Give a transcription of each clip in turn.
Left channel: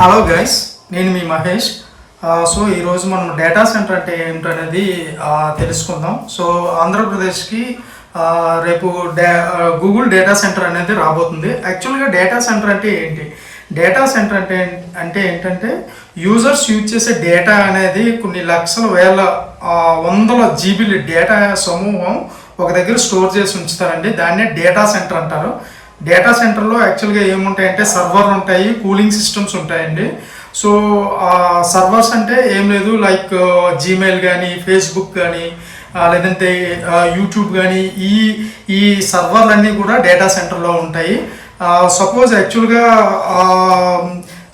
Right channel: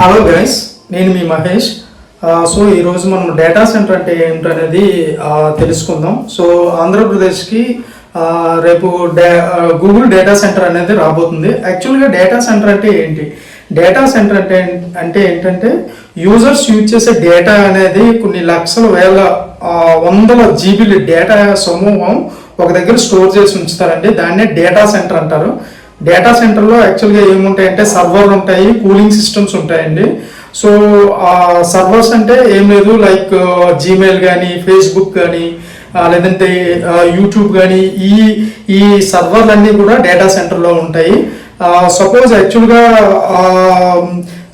Hello guys, నేను మీ Mahesh. So ఈరోజు మనం డేటా సెంటర్ అంటే ఏమిటనేది తెలుసుకుందాం. సో ఆంధ్రప్రదేశ్కి రేపు గూగుల్ డేటా సెంటర్ అనేది రాబోతుంది. యాక్చువల్గా డేటా సెంటర్ అంటే ఏంటి? డేటా సెంటర్ అంటే ఏంటంటే యూజర్స్ యూజ్ చేసే డేటా అనేది కొన్ని లక్షల వేల వందల జీబీల డేటా సమూహం ఒక దగ్గర స్టోర్ చేసి ఉంచుతారండి. దాన్నే డేటా సెంటర్ అంటారు. డేటా సెంటర్లో యాక్చువల్గా ఏముంటాయంటే సర్వర్లు ఉంటాయి, కూలింగ్ సిస్టమ్స్ ఉంటాయండి. సో సర్వర్స్ అంటే ఏం లేదు, లైక్ జీమెయిల్ కానీ, ఫేస్బుక్ కానీ, లేదంటే యూట్యూబ్ కానీ, ఈ సర్వర్లన్నీ కూడా డేటా సెంటర్లో ఉంటాయి.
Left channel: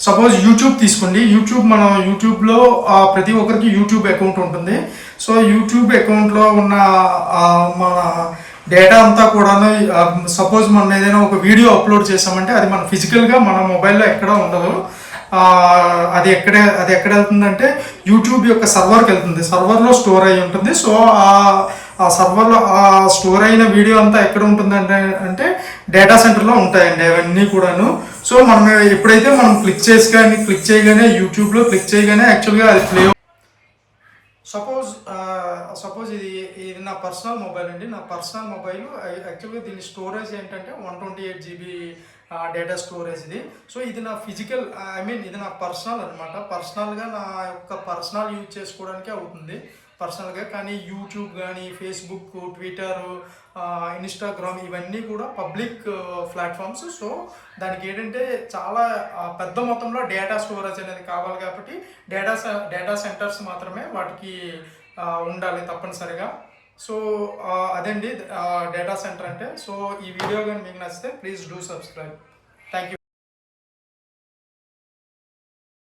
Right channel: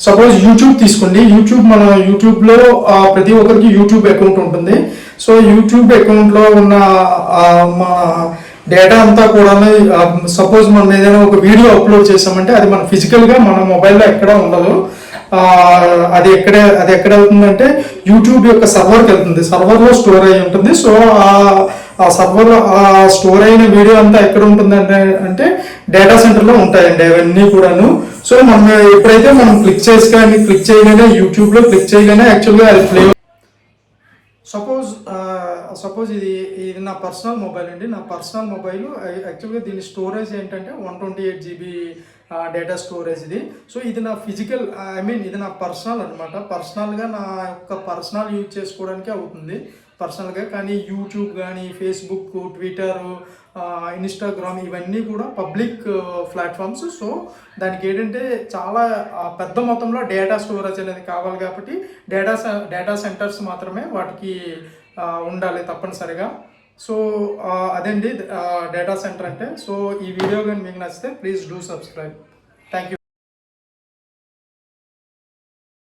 సపోజ్ యూట్యూబ్ తీసుకోండి. మన యూట్యూబ్లో ప్రతి ఒక్కరికి యూట్యూబ్ అకౌంట్ ఉంటుంది. సో యూట్యూబ్ అకౌంట్లో ఉన్న మా డేటా అంతా కూడా సపోజ్ మనం ఏదైనా ఒక వీడియో అప్లోడ్ చేసామంటే అది మన ఫిజికల్గా మన మొబైల్లో ఎక్కడ ఉండదు. అది ఎక్కడ వెళ్తుందంటే యూట్యూబ్ యొక్క సర్వర్కి వెళ్తుంది. సర్వర్లో స్టోర్ అయి ఉంటుంది. సో ఆ సర్వర్లో స్టోర్ అయిన వీడియో అంతా ఎక్కడ ఉంటుంది అంటే డేటా సెంటర్లో ఉంటాయండి అవన్నీ కూడాను. సో మనం ఎప్పుడైతే మనం క్లిక్ చేయగానే యూట్యూబ్లో క్లిక్ చేయగానే యాక్చువల్గా అది ప్లే. సపోజ్ ఇది నా పర్సనల్ మొబైల్ అండి. నా పర్సనల్ మొబైల్ యాక్చువల్గా దీని స్టోరేజ్ ఏంటంటే 128 GB డేటా స్టోరేజ్ ఇది. సో ఇది నా ఫిజికల్, ఇది నా పర్సనల్ అనమాట. పర్సనల్గా నా యొక్క పర్సనల్ యూజ్ చేసుకోవడానికి అవుతుంది పర్సనల్గా. కానీ యూట్యూబ్ కానీ, ఫేస్బుక్, ట్విట్టర్, ఇన్స్టాగ్రామ్ ఇవన్నీ కూడా పబ్లిక్ ప్లాట్ఫామ్స్. సో దానికి ఏంటంటే చాలా పెద్ద మొత్తంలో డేటా స్టోరేజ్ అనేది కావాలి కాబట్టి డేటా సెంటర్స్ మాత్రమే వాటికి ఉండాలి తప్పనిసరిగా. సో అదండి డేటా సెంటర్ అంటే. సో ఈ వీడియో కానీ మీకు నచ్చితే please do subscribe. Thank you.